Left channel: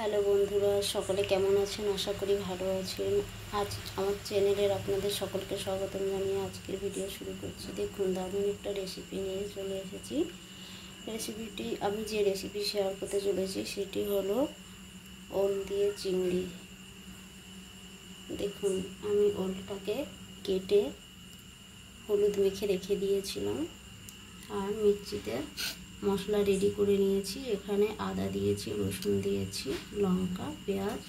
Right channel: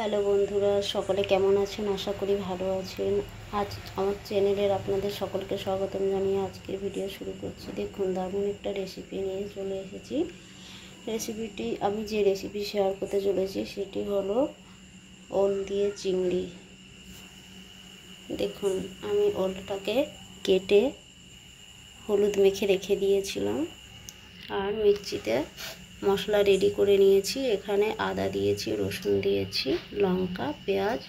Hello বন্ধুরা, সকলে কেমন আছেন? আশা করি ভালো আছেন। আজ আমার চ্যানেলের আপনাদের সকলকে স্বাগতম জানিয়ে আজকের ভিডিও শুরু করছি। দেখুন, দারুণ একটা রেসিপি নিয়ে চলে এসেছি। আমি যে রেসিপি শেয়ার করতে চলেছি সেটি হলো ওল দিয়ে চিংড়ি। দেখুন, আমি ওলটাকে কেটে হলুদ মেখে রেখে দিয়েছিলাম আর মিক্সিতে মশলা রেডি করে নিয়েছি। এখানে আদা দিয়েছি, রসুন দিয়েছি, লঙ্কা, পেঁয়াজ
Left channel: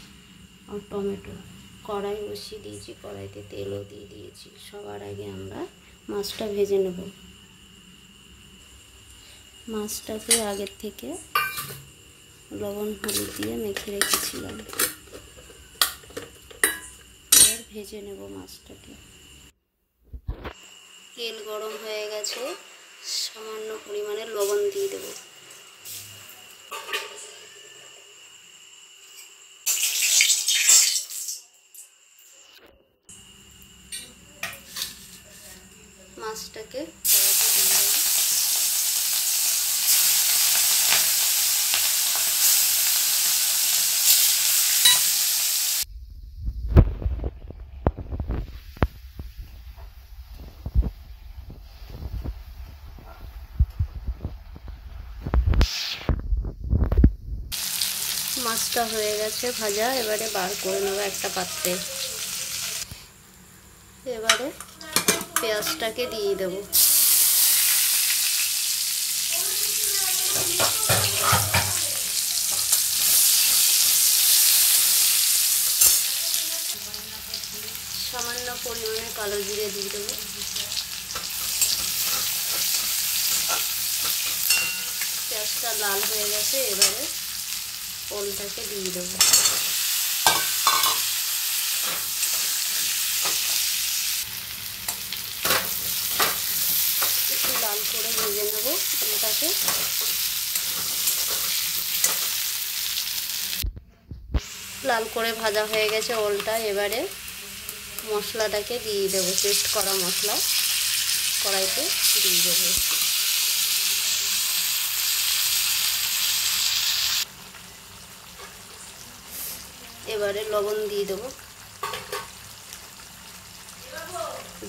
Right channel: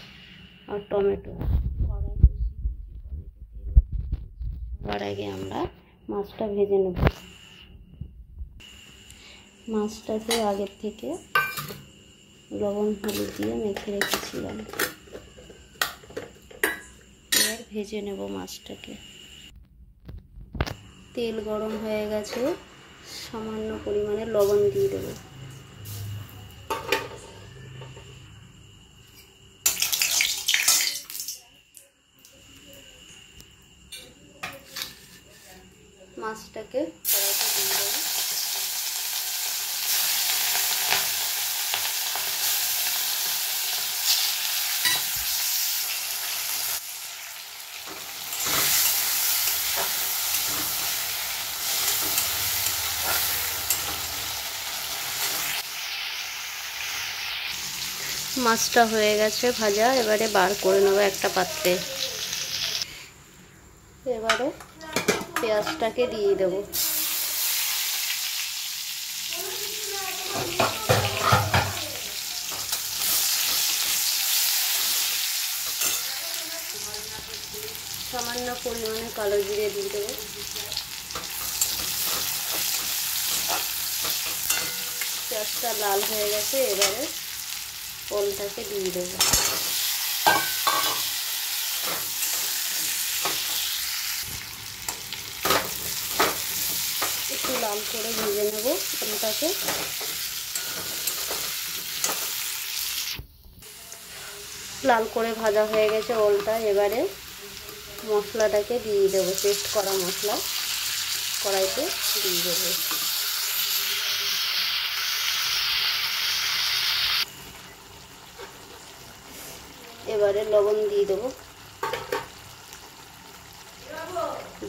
আর টমেটো। কড়াই বসিয়ে দিয়েছি, কড়াইতে তেলও দিয়ে দিয়েছি। সবার আগে আমরা মাছটা ভেজে নেব। মাছটাকে আগের থেকে লবণ হলুদ দিয়ে মেখে রেখেছিলাম। এবার ভেজে নেব মাছটাকে। তেল গরম হয়ে গেছে, সামান্য পরিমাণে লবণ দিয়ে দেব। মাছটাকে কড়াইতে দিয়ে দেব। মাছটা হয়ে গেছে ভাজা, এবারে বার করে নেব একটা পাত্রে। এবারে পেঁয়াজটাকে দিয়ে দেব। সামান্য পরিমাণে কালো জিরে দিয়ে দেব। পেঁয়াজটা লাল হয়ে গেছে, এবারে ওলটাকে দিয়ে দেব। একটু লাল করে ভেজে নেব ওলটাকে। লাল করে ভাজা হয়ে গেছে ওলটা, এবারে মশলাটাকে দিয়ে দেব। পেস্ট করা মশলা কড়াইতে দিয়ে দেব। এবারে লবণ দিয়ে দেব,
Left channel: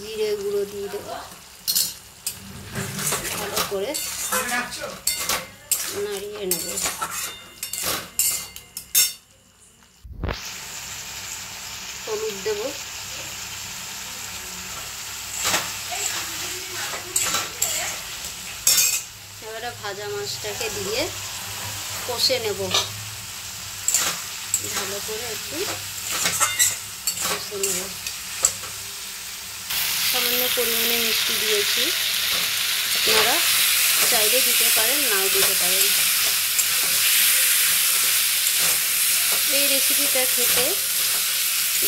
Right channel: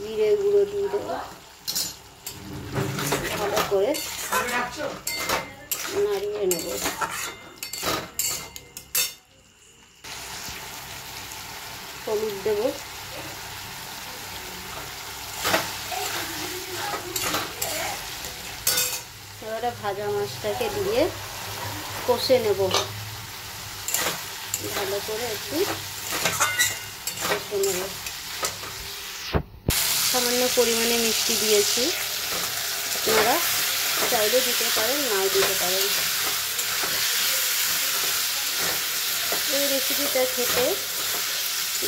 জিরে গুঁড়ো দিয়ে দেব। ভালো করে নাড়িয়ে নেব। হলুদ দেব। এবারে ভাজা মাছটাকে দিয়ে কষে নেব। ভালো করে একটু কষে নেব। সামান্য পরিমাণে মিষ্টি দিয়েছি, আপনারা চাইলে দিতে পারেন, নাও দিতে পারেন। এই রেসিপিটা খেতে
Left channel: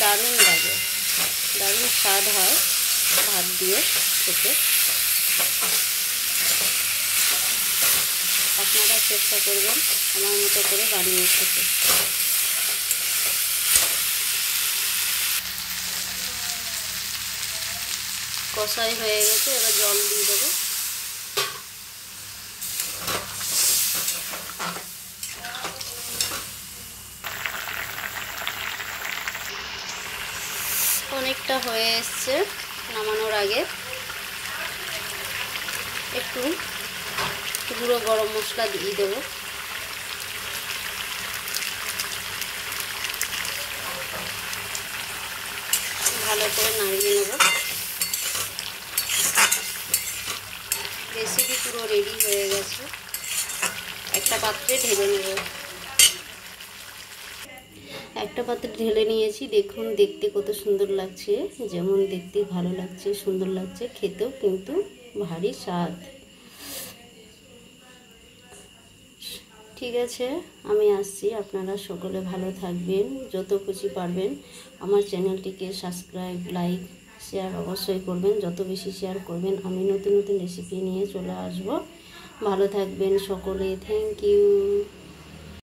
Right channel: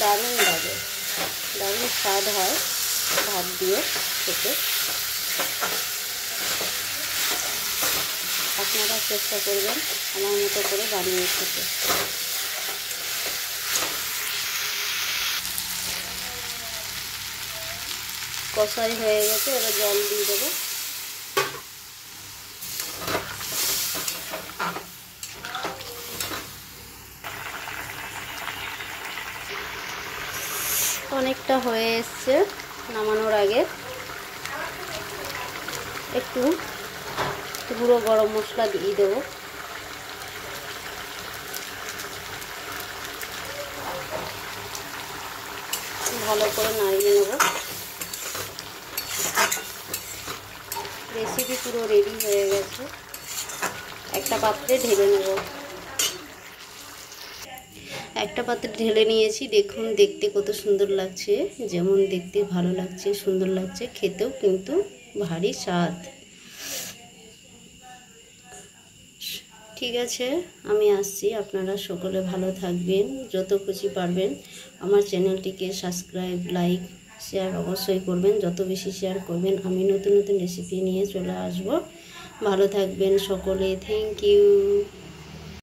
দারুণ লাগে, দারুণ স্বাদ হয় ভাত দিয়ে খেতে। আপনারা চেষ্টা করবেন আমার মতো করে বানিয়ে খেতে। কষাই হয়ে গেছে, এবার জল দিয়ে দেবো। অনেকটা হয়ে এসছে, নামানোর আগে একটু গুঁড়ো গরম মশলা দিয়ে দেবো। ভালো করে নাড়িয়ে নেব। রেসিপি পুরো রেডি হয়ে গেছে, একটা পাত্রে ঢেলে নেব। একটা পাত্রে ঢেলে নিয়েছি। দেখুন, দেখতে কত সুন্দর লাগছে। যেমন দেখতে ভালো লাগছে, সুন্দর লাগছে, খেতেও কিন্তু ভারী স্বাদ। ঠিক আছে, আমি আসছি। আপনারা সকলে ভালো থাকবেন, যত খুশি পারবেন আমার চ্যানেলটিকে সাবস্ক্রাইব, লাইক, শেয়ার অবশ্যই করবেন। যত বেশি শেয়ার করবেন আমি নতুন নতুন রেসিপি নিয়ে চলে আসব। ভালো থাকবেন সকলে। Thank you.